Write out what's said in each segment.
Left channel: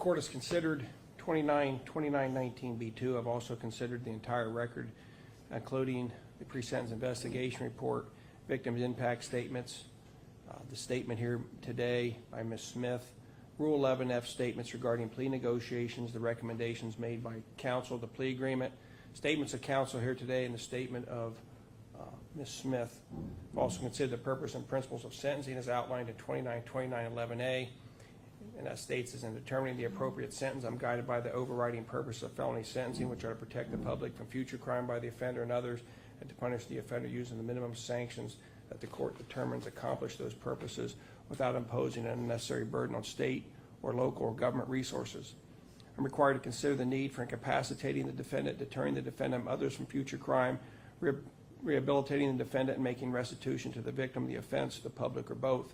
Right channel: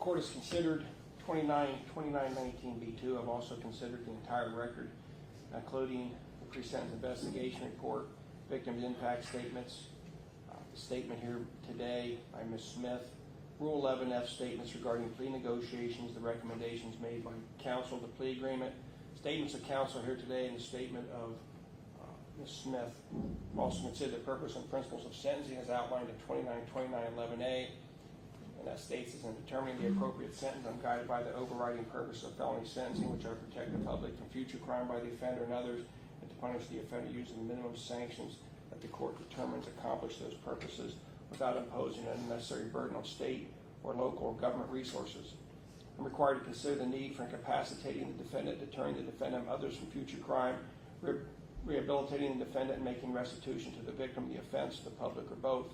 court has considered 2919B2. I've also considered the entire record, including the pre-sentence investigation report, victim's impact statements, the statement here today by Ms. Smith, Rule 11F statements regarding plea negotiations, the recommendations made by counsel, the plea agreement, statements of counsel here today, and the statement of Ms. Smith. Also consider the purpose and principles of sentencing as outlined in 292911A, and that states as in determining the appropriate sentence, I'm guided by the overriding purpose of felony sentencing, which are to protect the public from future crime by the offender and others, and to punish the offender using the minimum sanctions that the court determines accomplish those purposes without imposing an unnecessary burden on state or local or government resources. I'm required to consider the need for incapacitating the defendant, deterring the defendant and others from future crime, rehabilitating the defendant, and making restitution to the victim, the offense, the public, or both.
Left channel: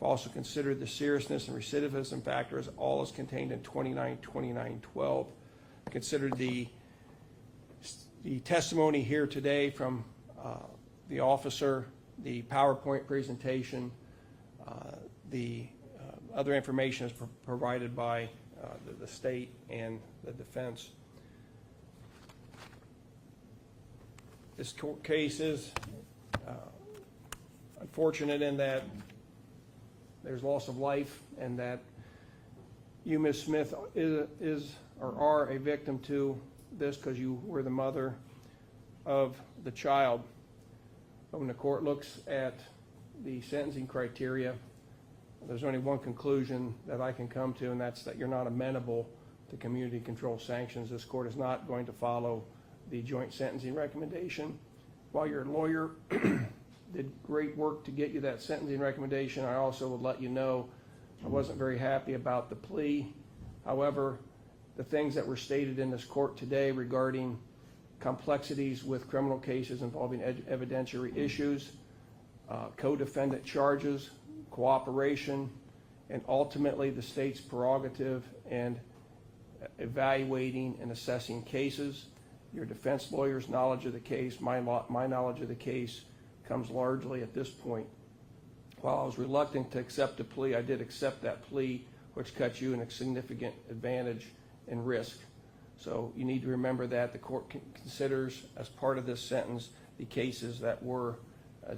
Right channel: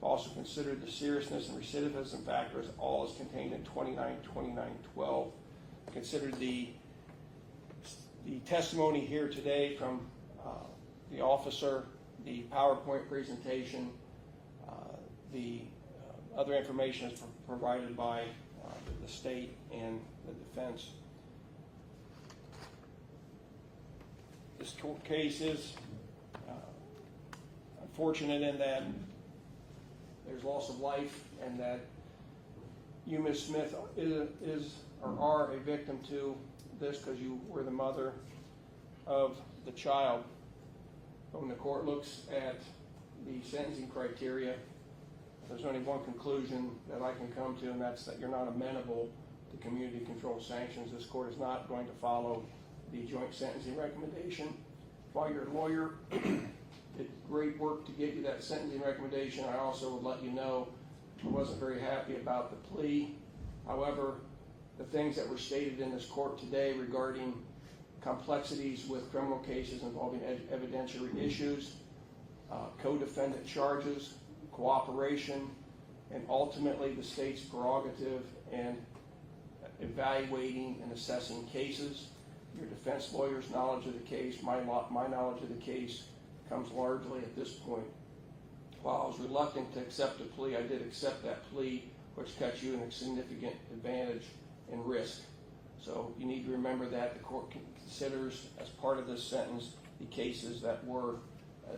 I've also considered the seriousness and recidivism factors, all as contained in 292912. I considered the testimony here today from the officer, the PowerPoint presentation, the other information is provided by the state and the defense. This case is unfortunate in that there's loss of life, and that you, Ms. Smith, is or are a victim to this because you were the mother of the child. When the court looks at the sentencing criteria, there's only one conclusion that I can come to, and that's that you're not amenable to community control sanctions. This court is not going to follow the joint sentencing recommendation. While your lawyer did great work to get you that sentencing recommendation, I also would let you know I wasn't very happy about the plea. However, the things that were stated in this court today regarding complexities with criminal cases involving evidentiary issues, co-defendant charges, cooperation, and ultimately the state's prerogative in evaluating and assessing cases. Your defense lawyer's knowledge of the case, my knowledge of the case, comes largely at this point. While I was reluctant to accept the plea, I did accept that plea, which cuts you in a significant advantage and risk. So you need to remember that the court considers as part of this sentence the cases that were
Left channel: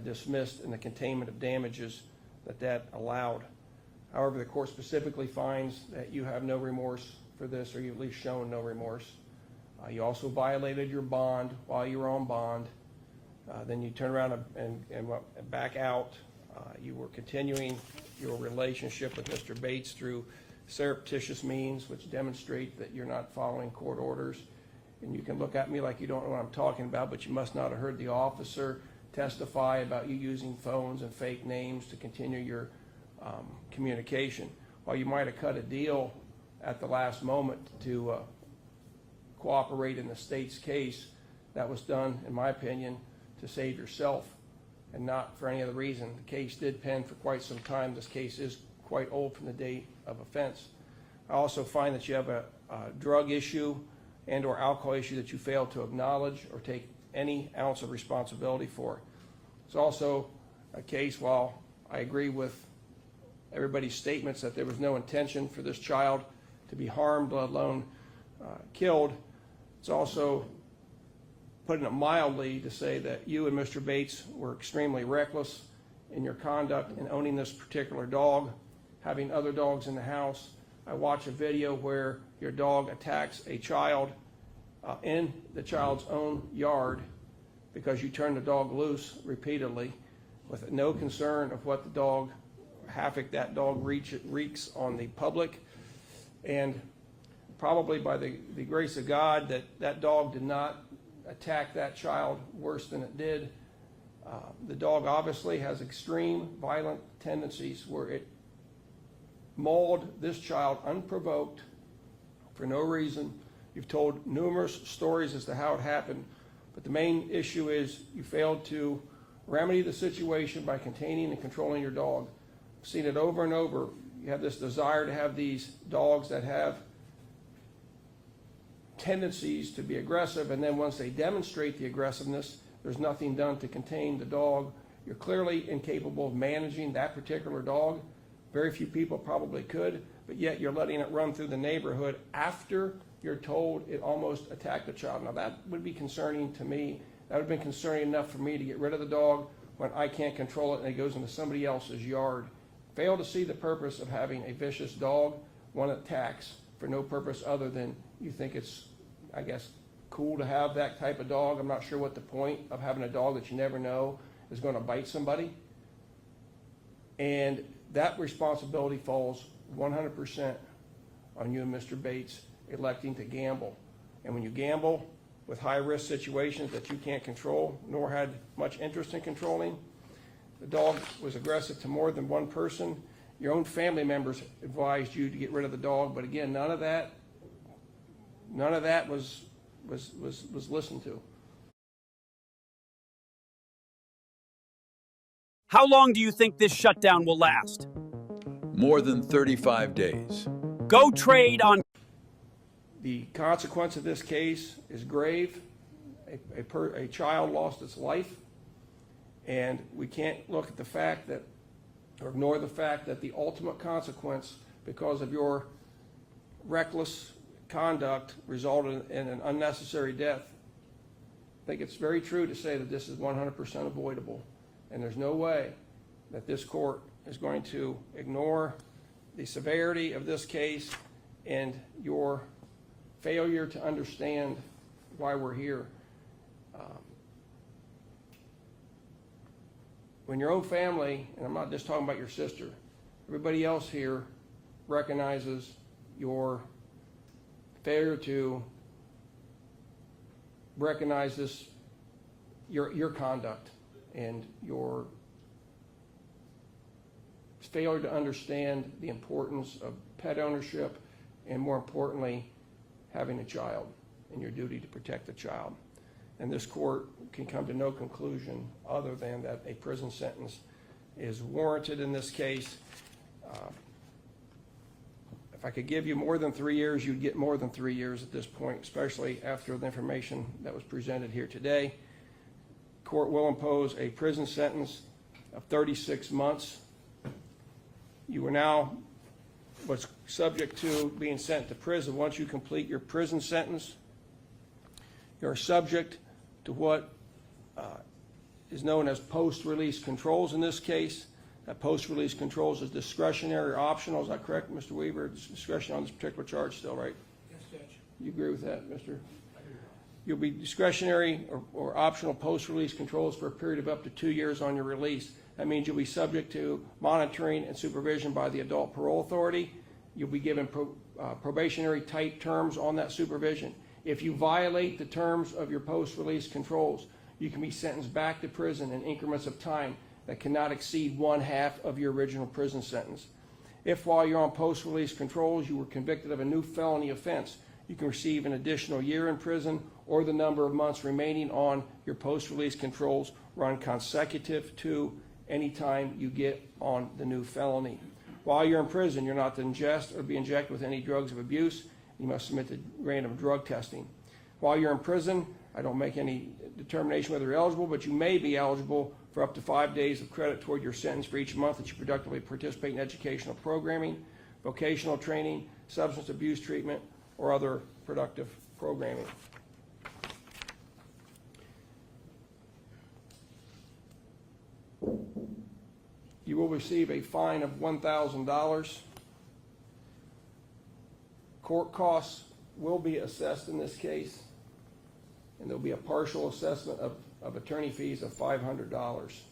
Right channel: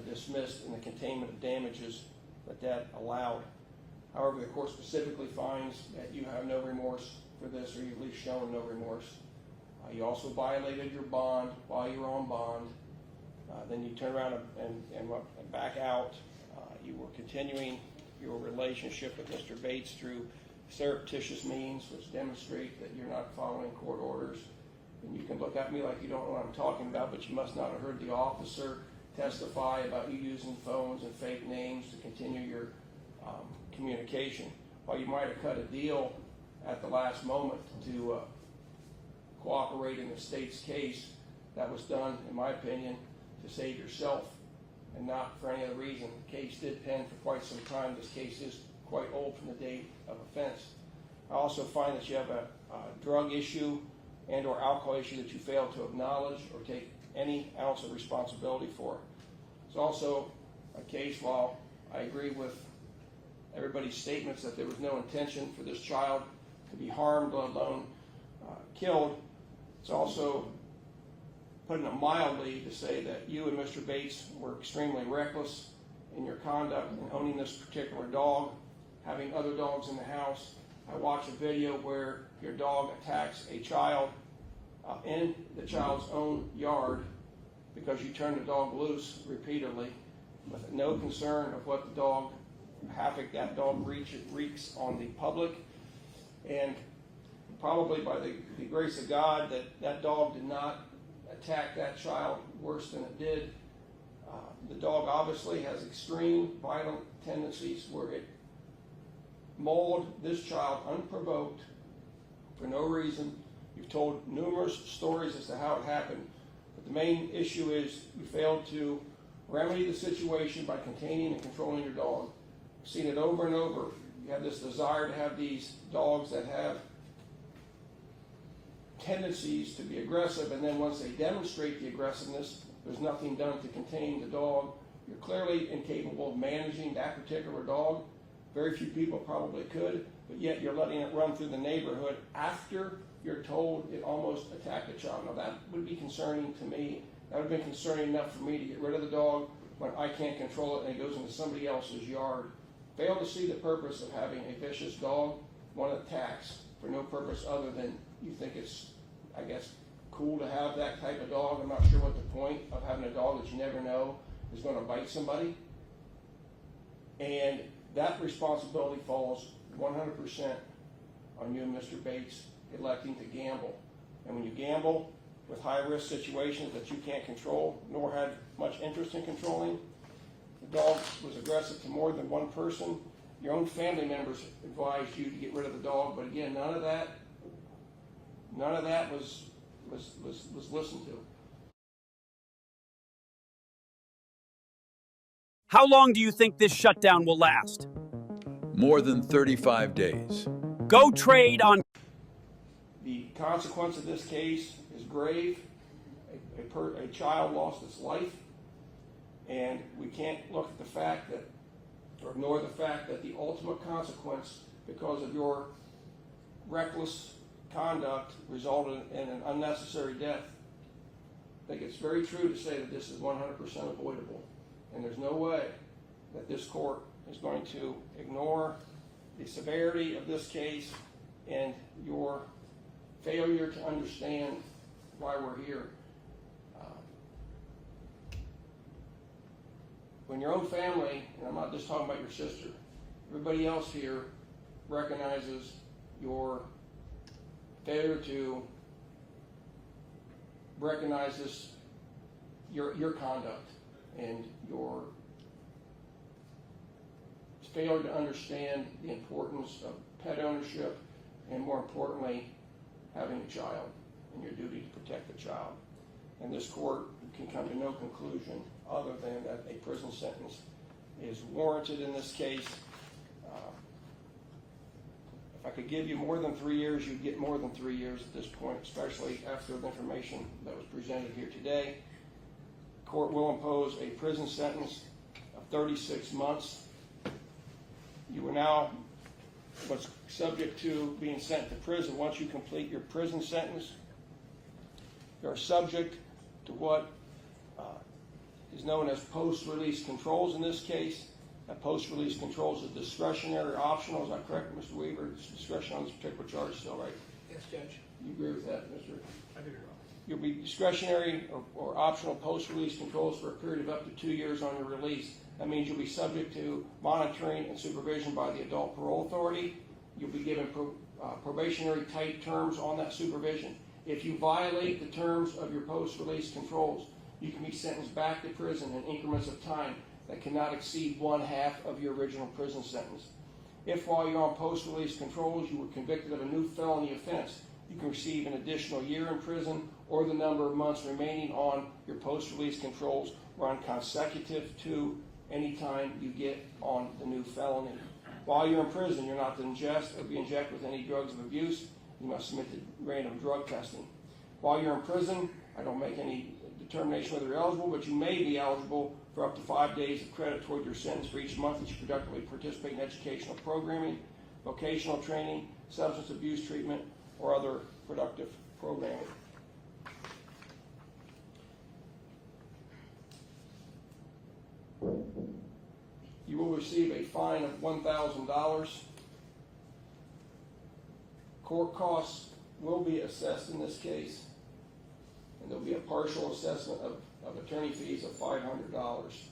dismissed and the containment of damages that allowed. However, the court specifically finds that you have no remorse for this, or you at least shown no remorse. You also violated your bond while you were on bond. Then you turn around and back out. You were continuing your relationship with Mr. Bates through surreptitious means, which demonstrate that you're not following court orders. And you can look at me like you don't know what I'm talking about, but you must not have heard the officer testify about you using phones and fake names to continue your communication. While you might have cut a deal at the last moment to cooperate in the state's case, that was done, in my opinion, to save yourself and not for any other reason. The case did pen for quite some time. This case is quite old from the date of offense. I also find that you have a drug issue and or alcohol issue that you fail to acknowledge or take any ounce of responsibility for. It's also a case, while I agree with everybody's statements that there was no intention for this child to be harmed, let alone killed, it's also, putting it mildly, to say that you and Mr. Bates were extremely reckless in your conduct in owning this particular dog, having other dogs in the house. I watched a video where your dog attacks a child in the child's own yard because you turned the dog loose repeatedly with no concern of what the dog, havoc that dog wreaks on the public. And probably by the grace of God that dog did not attack that child worse than it did. The dog obviously has extreme violent tendencies where it mauled this child unprovoked for no reason. You've told numerous stories as to how it happened, but the main issue is you failed to remedy the situation by containing and controlling your dog. I've seen it over and over. You have this desire to have these dogs that have tendencies to be aggressive, and then once they demonstrate the aggressiveness, there's nothing done to contain the dog. You're clearly incapable of managing that particular dog. Very few people probably could, but yet you're letting it run through the neighborhood after you're told it almost attacked a child. Now that would be concerning to me. That would have been concerning enough for me to get rid of the dog when I can't control it and it goes into somebody else's yard. Fail to see the purpose of having a vicious dog, one that attacks for no purpose other than you think it's, I guess, cool to have that type of dog. I'm not sure what the point of having a dog that you never know is going to bite somebody. And that responsibility falls 100% on you and Mr. Bates electing to gamble. And when you gamble with high-risk situations that you can't control, nor had much interest in controlling, the dog was aggressive to more than one person. Your own family members advised you to get rid of the dog, but again, none of that was listened to. How long do you think this shutdown will last? More than 35 days. Go trade on. The consequence of this case is grave. A child lost its life, and we can't look at the fact that, or ignore the fact that the ultimate consequence, because of your reckless conduct, resulted in an unnecessary death. I think it's very true to say that this is 100% avoidable, and there's no way that this court is going to ignore the severity of this case and your failure to understand why we're here. When your own family, and I'm not just talking about your sister, everybody else here recognizes your failure to recognize this, your conduct and your failure to understand the importance of pet ownership and, more importantly, having a child and your duty to protect the child. And this court can come to no conclusion other than that a prison sentence is warranted in this case. If I could give you more than 3 years, you'd get more than 3 years at this point, especially after the information that was presented here today. Court will impose a prison sentence of 36 months. You are now what's subject to being sent to prison. Once you complete your prison sentence, you're subject to what is known as post-release controls in this case. That post-release controls is discretionary or optional. Is that correct, Mr. Weaver? It's discretion on this particular charge still, right? Yes, Judge. You agree with that, Mr.? I do. You'll be discretionary or optional post-release controls for a period of up to 2 years on your release. That means you'll be subject to monitoring and supervision by the Adult Parole Authority. You'll be given probationary type terms on that supervision. If you violate the terms of your post-release controls, you can be sentenced back to prison in increments of time that cannot exceed 1/2 of your original prison sentence. If while you're on post-release controls you were convicted of a new felony offense, you can receive an additional year in prison, or the number of months remaining on your post-release controls run consecutive to any time you get on the new felony. While you're in prison, you're not to ingest or be injected with any drugs of abuse. You must submit to random drug testing. While you're in prison, I don't make any determination whether you're eligible, but you may be eligible for up to 5 days of credit toward your sentence for each month that you productively participate in educational programming, vocational training, substance abuse treatment, or other productive programming. You will receive a fine of $1,000. Court costs will be assessed in this case, and there'll be a partial assessment of attorney fees of $500.